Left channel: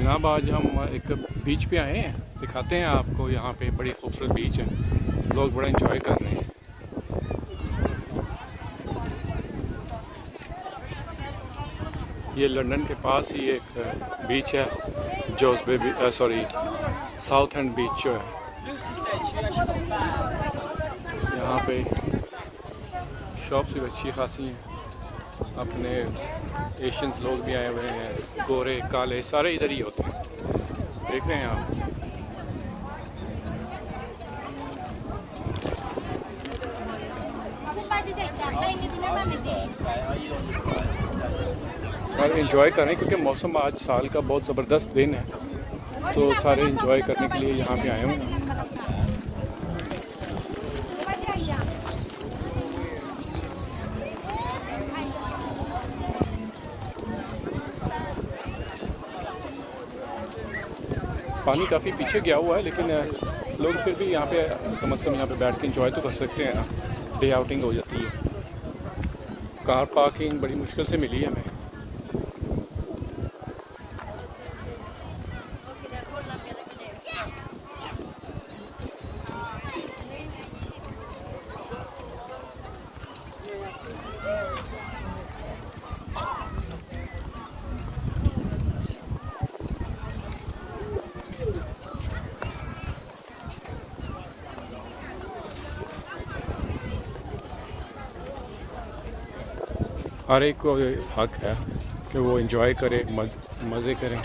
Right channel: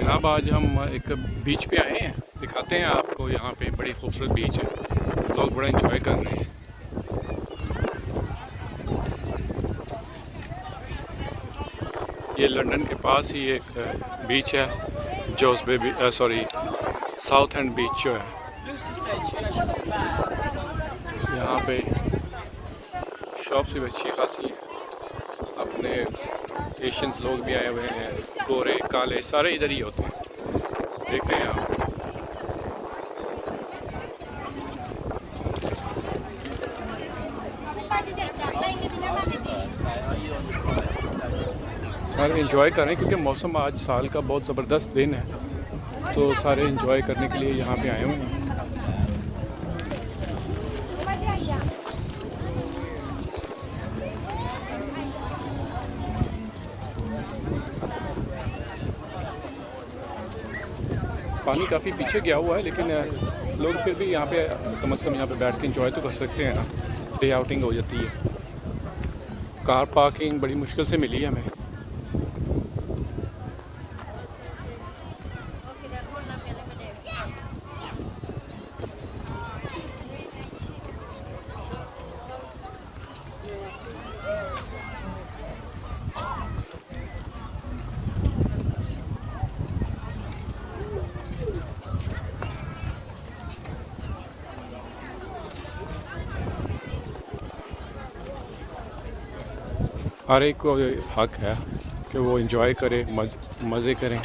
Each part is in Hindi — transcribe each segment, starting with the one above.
जनाब आज हम एक बीच पे आए हैं, दिखाते हैं आपको। यहाँ पे बड़ी खूबसूरत बीच है, लोग बड़ा एंजॉय कर रहे हैं। ये लंदन के पास ही एक बीच है, जोसबे सॉरी साउथ एंड बीच जो है। यहाँ पे शॉप्स भी अच्छी खासी हैं। अपने एशियंस लोग भी आए हुए हैं, गोरे काले सारे इधर ही होते हैं। देख रहे हैं आप। सारे एंजॉय कर रहे हैं क्योंकि मौसम आज साल का बहुत ज़बरदस्त दिन है, तो सारे एंजॉय करने के लिए यहाँ पे आए हुए हैं। पानी काफ़ी पीछे गया हुआ है, लेकिन लोग फिर भी यहाँ पे कम से कम यहाँ पे बैठ के एंजॉय तो कर सकते हैं ना। डे आउटिंग हो जाती है। कार पार्किंग बड़ी मुश्किल से मिली है हमें। हर एक को हक है कि वो एंजॉय करे, मज़े करें।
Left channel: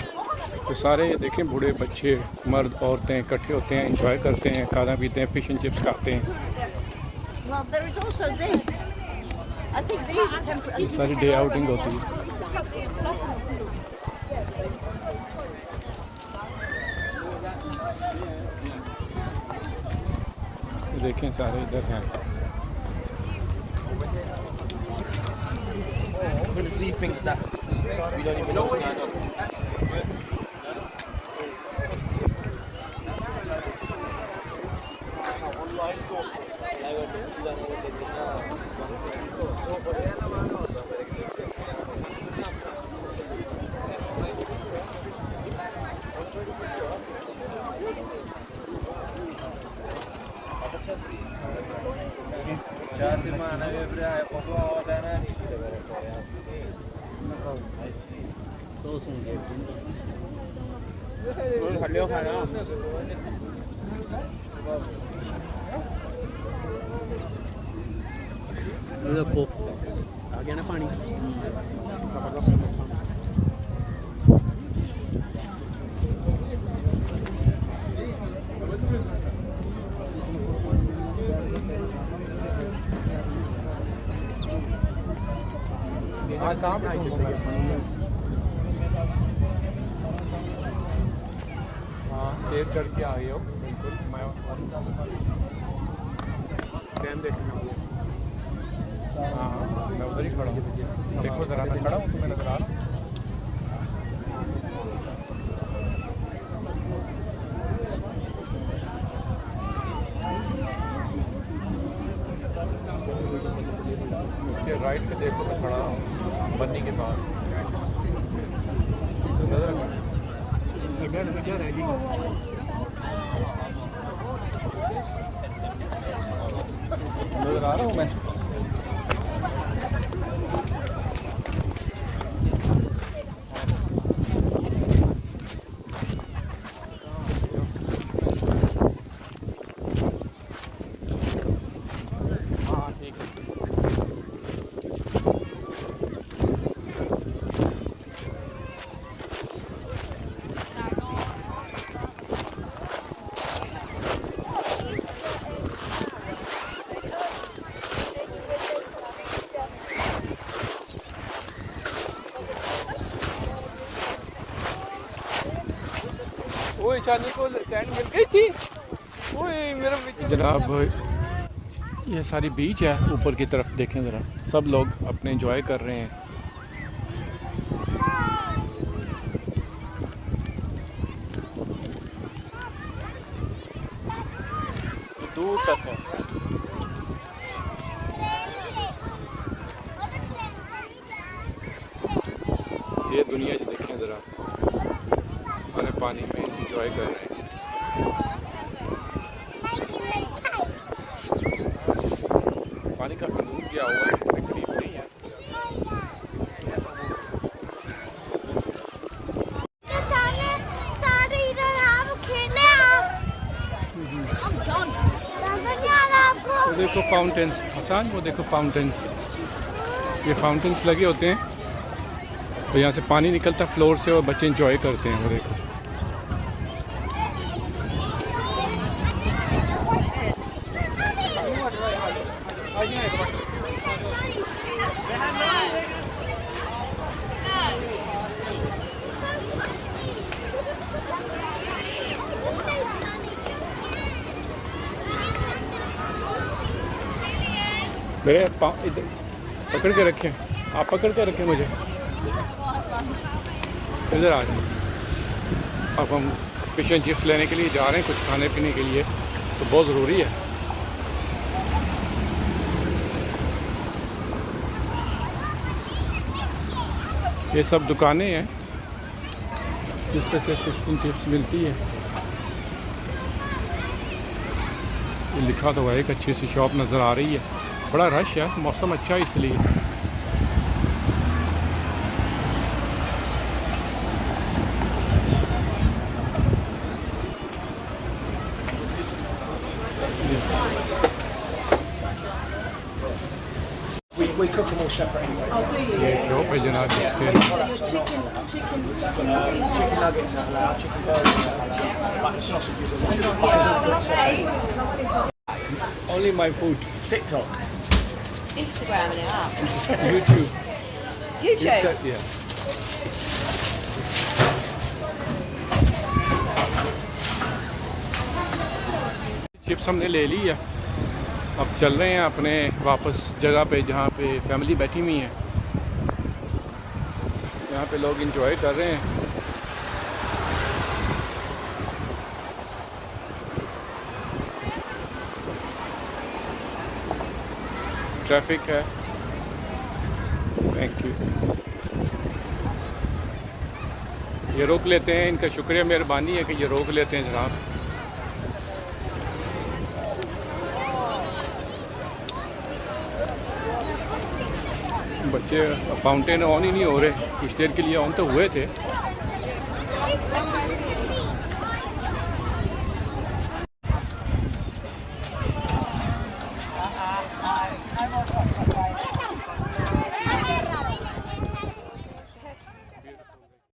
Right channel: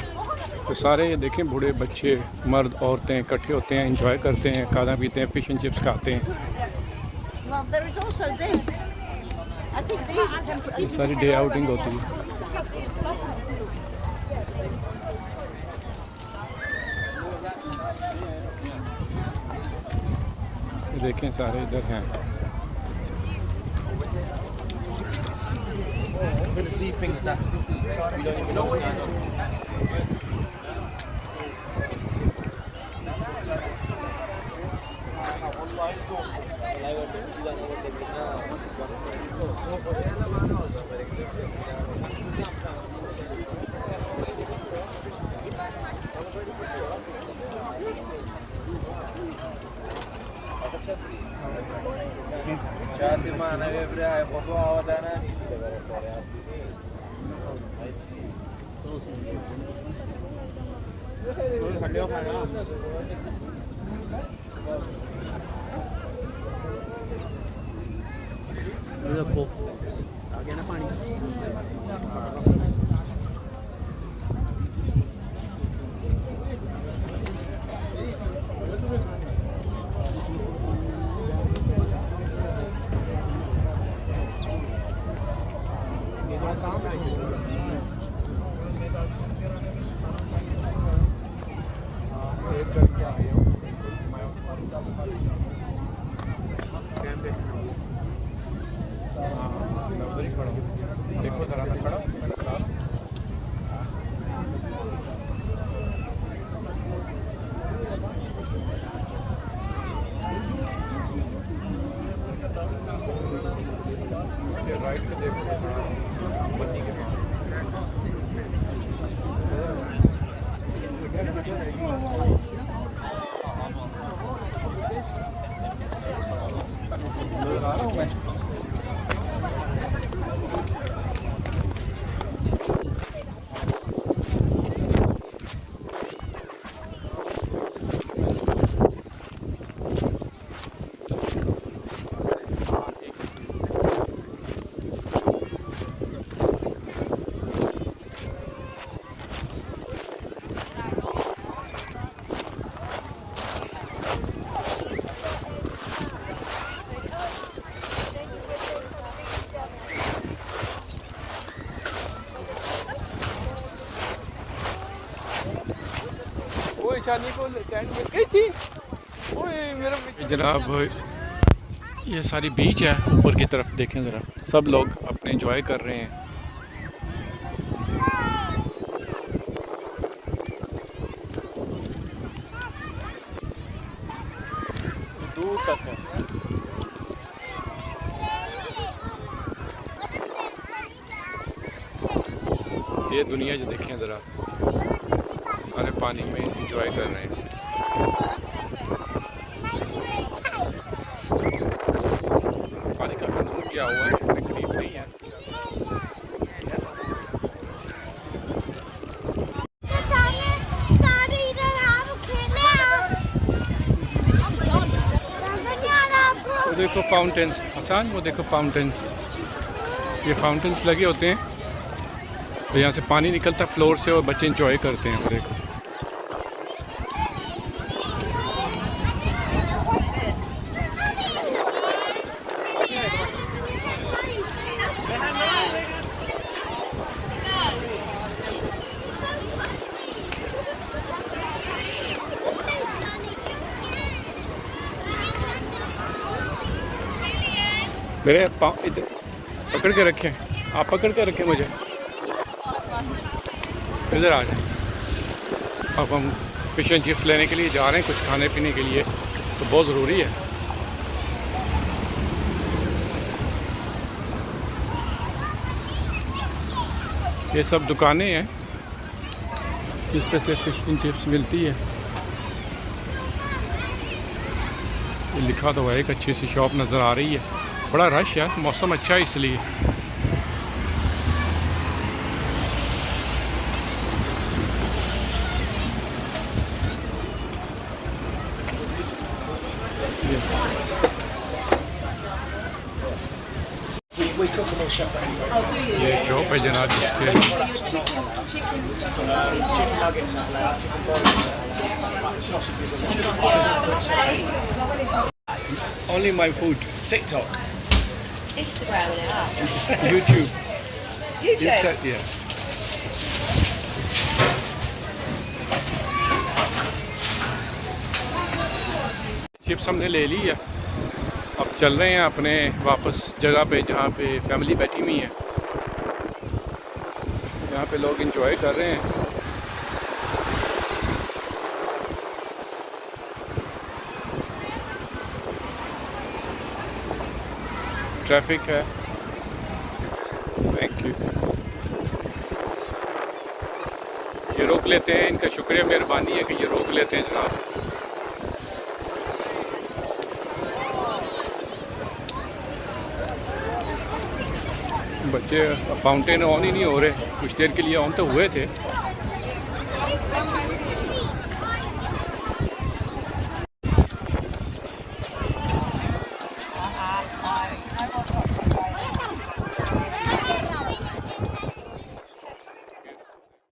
तो सारे देखें, बूढ़े बच्चे मर्द औरतें इकट्ठे होते हैं, एंजॉय करते हैं, खाना पीते हैं, फिश एंड चिप्स खाते हैं। ये सारी डे आउटिंग होती है। देखें सारे इधर हैं। To see things that we don't even know what's going on. आ गया ना पानी। हाँ कहाँ पे हाँ स्टेज चढ़ के आ गए हो। बिल्कुल हाँ मैं उधर ही खड़ा हूँ। देखो ज़रा, मैं खड़ा हूँ तो मैं नजर आ रहा हूँ। उसके राइट पे देखो, मैं खड़ा हूँ बन्नी के पास। नजर आ रहा हूँ मैं। वो ईशानी को सैंड मिल गई थी। ओए मेरा जनाब, ये सारी बीच है। ऊपर की तरफ देखें ज़रा, सब लोग अपने एंजॉय कर रहे हैं। दूर तक है। ये दुनिया जो देखें ज़रा, सारे पानी में एंजॉय कर रहे हैं। पानी काफ़ी दूर गया हुआ है, इतने करीब नहीं है। वो देखो फाउंटेन्स हसन, वो देखो फाउंटेन्स, ये फाउंटेन्स लगे होते हैं तो यहाँ से पानी निकलता फ्लोर से और बच्चे एंजॉय करते हैं। वो देखो मेरे पाँव इधर पकड़ के रखें, आप पकड़ के रखें मुझे, इधर आ जाए। अब हम फिश एंड चिप्स लेने के लिए जा रहे हैं, कुछ खाने पीने के लिए, तो बहुत ज़रूरी है। ये सब दुकानें हैं जिस पर से फिश एंड चिप्स मिलती है। ये लिखा तो है, एक अच्छी सी शॉप नज़र आ रही है। बड़ा रश है, मौसम अच्छा है इसलिए। We cook them all separate anyway. Oh, do you? ये शॉप है जनाब जिसके So your chicken Chicken nuggets, chicken burgers, like sausages, only my food. TikTok. Instagram it up. YouTube. YouTube. Yeah. Chips हमने ले ली है, अब चल रहे हैं अपने वापस जगह पे जहाँ पे फैमिली बैठी हुई है। यहाँ पे लोग एंजॉय कर रहे हैं। ट्रैफिक है। Thank you. ये रोक लेते हैं, इनका शुक्रिया मेहरबानी है कि ये रोक लेते हैं जनाब। बच्चे फाउंटेन ऑन ही नहीं हो रहे, कुछ देर के लिए ऑन तो हुए थे।